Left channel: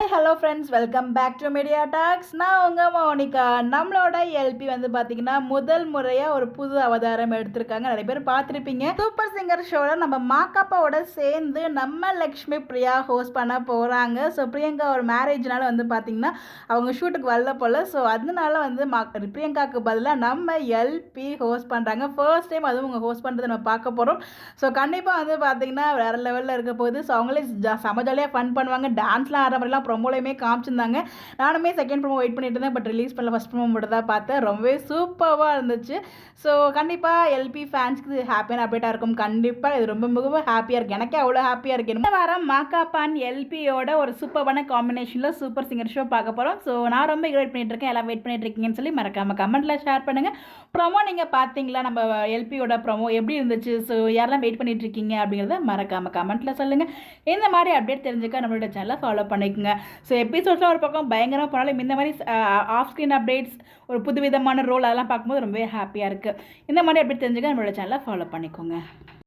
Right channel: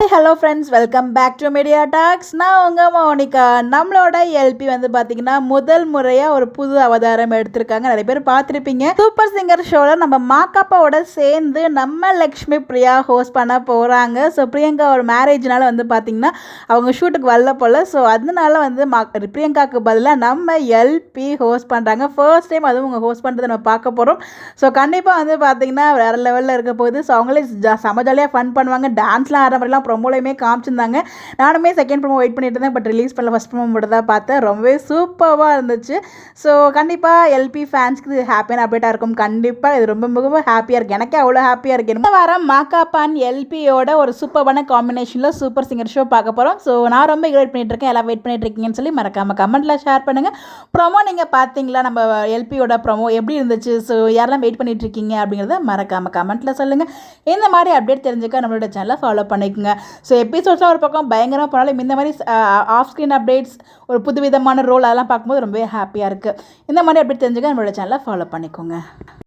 Hello friends, welcome back to Media Talks. நான் உங்கள் Monica. நம்மளோட எல்பி வந்து பார்த்தீங்கன்னா முதல் முறையாக ஒரு புது அவதாரம் எடுத்திருக்காங்க. நிறைய பேர் பார்த்துருப்பீங்க. சூப்பர் சிங்கர் ஷோவில் நம்ம மாக்காப்பாவோட சேர்ந்து நம்ம லக்ஷ்மி பிரியா ஹோஸ்ட் பண்ண போகிறாங்க. ஸோ பிரியங்கா ஒரு மேரேஜ்னால வந்து பார்த்தீங்கன்னா அவங்க ஷூட்டுக்கு வரல போல். ஸோ அதனால வந்து பிரியங்காவுக்கு பதிலாக நம்ம எல்பி ஹோஸ்ட் பண்ணுறாங்க. ஃபர்ஸ்ட் டைம் அதுவும் அவங்க ஹோஸ்ட் பண்ணுறதை நம்ம பார்க்க போகிறோம். ஸோ கண்டிப்பாக வந்து பார்த்தீங்கன்னா வேறு லெவலில் இருக்க போகுது. ஸோ அவங்களே செம ஜாலியாக ஃபன் பண்ணுவாங்க. டான்ஸ்லாம் ஆடுற மாதிரிலாம் ப்ரொமோலையுமே காமிச்சிருந்தாங்க. நானுமே செகண்ட் ப்ரோமோ வெயிட் பண்ணிட்டு இருந்தேன். பட் ரிலீஸ் பண்ணல, ஃபஸ்ட் ப்ரோமோ மட்டும் தான் பார்த்தேன். ரொம்பவே சூப்பராக இருந்துச்சு. ஸோ கண்டிப்பாக எல்பி ஃபேன்ஸ்க்கு இது ஹாப்பியான அப்டேட்டாக இருக்கும். கண்டிப்பாக இது ரொம்ப மிகவும் ஹாப்பியாக இருக்குது. எனக்கே அவ்வளோ ஹாப்பியாக இருக்குது. இந்த வாரம் மாக்காப்பான் எல்பியோட ஒரு சூப்பரான காம்பினேஷனில் சூப்பர் சிங்கர் ஷோ பார்க்க போகிறோம். ஸோ நான் ரொம்ப வெயிட் பண்ணிட்டு இருக்கேன். எல்லாம் வெயிட் பண்ணிட்டு இருக்கீங்கன்னு சொல்லி மறக்காமல் கமெண்ட்டில் ஷேர் பண்ணுங்கள். ப்ரோமோ நீங்கள் பார்த்தீங்களா? நம்ம எல்பியோட ப்ரோமோ எப்படி இருந்துச்சு? ஸோ யாரெல்லாம் வெயிட் பண்ணிட்டு இருக்கீங்க அப்படிங்கிறத மறக்காமல் கமெண்ட்டில் சொல்லுங்கள். இந்த மாதிரி அப்டேட் தெரிஞ்சுக்க நம்மளோட சேனலை ஃபாலோ பண்ணிக்கோங்க. ஸோ எபிசோட்ஸ்லாம் ஒரு பக்கம் பயங்கரமாக போனாலும் இந்த மாதிரி ஆஃப் ஸ்க்ரீன் அப்டேட்ஸ், ஒரு புது விதமான ரோல் அதெல்லாம் பார்க்கும்போது ரொம்பவே ஹாப்பியாக இருக்குது. இந்த மாதிரி அப்டேட் தெரிஞ்சுக்க நம்மளோட சேனலை ஃபாலோ பண்ணிக்கோங்க.